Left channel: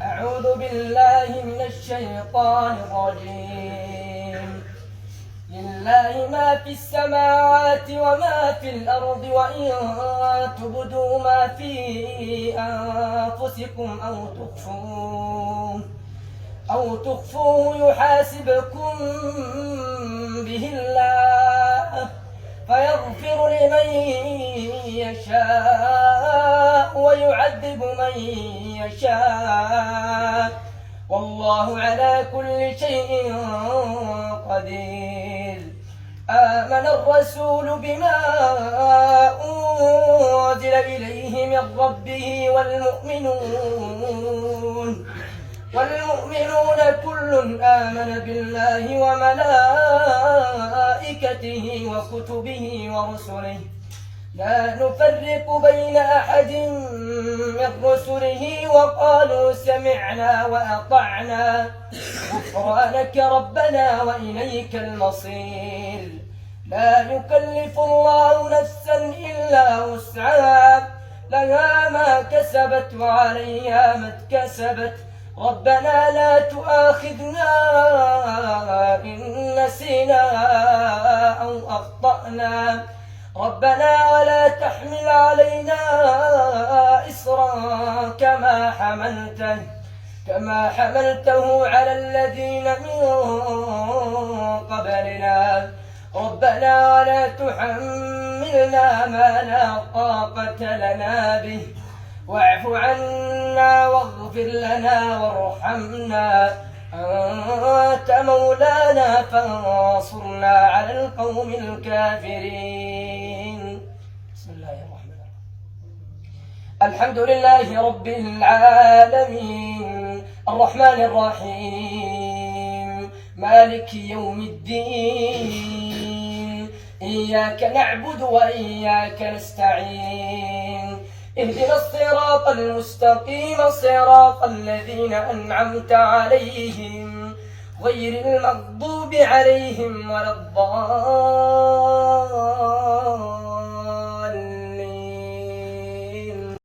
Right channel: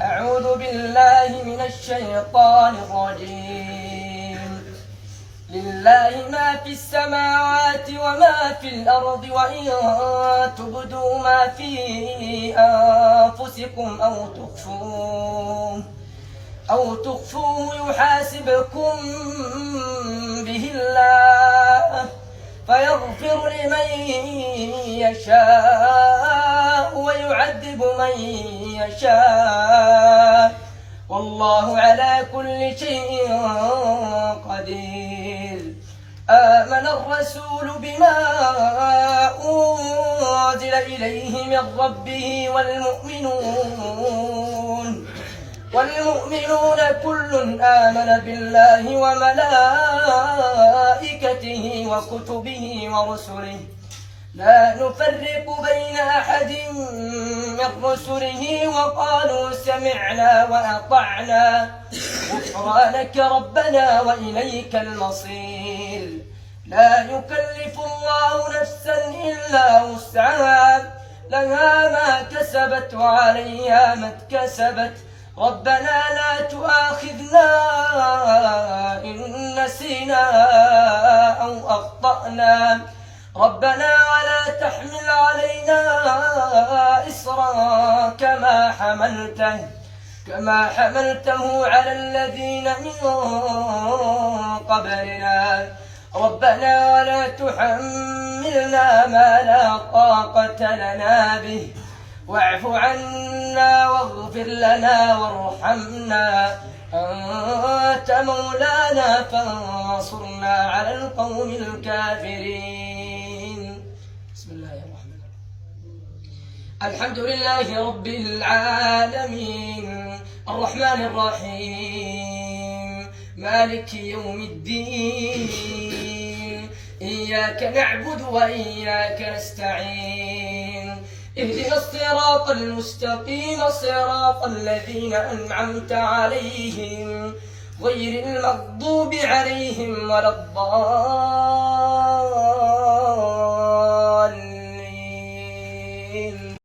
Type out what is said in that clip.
أعوذ بالله من الشيطان الرجيم. لله ما في السماوات وما في الأرض، وإن تبدوا ما في أنفسكم أو تخفوه يحاسبكم به الله، فيغفر لمن يشاء ويعذب من يشاء، والله على كل شيء قدير. آمن الرسول بما أنزل إليه من ربه والمؤمنون كل آمن بالله وملائكته وكتبه ورسله، لا نفرق بين أحد من رسله، وقالوا سمعنا وأطعنا غفرانك ربنا وإليك المصير. لا يكلف الله نفسا إلا وسعها، لها ما كسبت وعليها ما اكتسبت. ربنا لا تؤاخذنا إن نسينا أو أخطأنا، ربنا ولا تحمل علينا إصرا كما حملته على الذين من قبلنا، ربنا ولا تحملنا ما لا طاقة لنا به، واعف عنا واغفر لنا وارحمنا، أنت مولانا فانصرنا على القوم الكافرين. بسم الله الرحمن الرحيم. الحمد لله رب العالمين، الرحمن الرحيم، مالك يوم الدين، إياك نعبد وإياك نستعين، اهدنا الصراط المستقيم، صراط الذين أنعمت عليهم غير المغضوب عليهم ولا الضالين.